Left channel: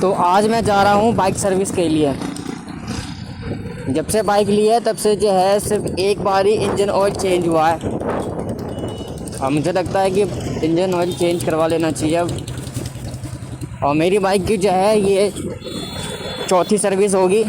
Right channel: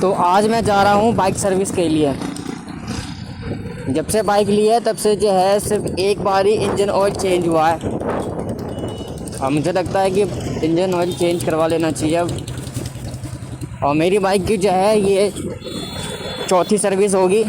तो आज मैं जा रहा हूँ बाइक सर्विस के लिए। जब से बाइक ली है तब से जो है सिर्फ एक बार ही इंजन ऑयल चेंज हुआ है। और मुझे लगता है कि इंजन ऑयल चेंज करवा लेना चाहिए अब। और मेरी बाइक की जो है ये चौथी सर्विस होगी।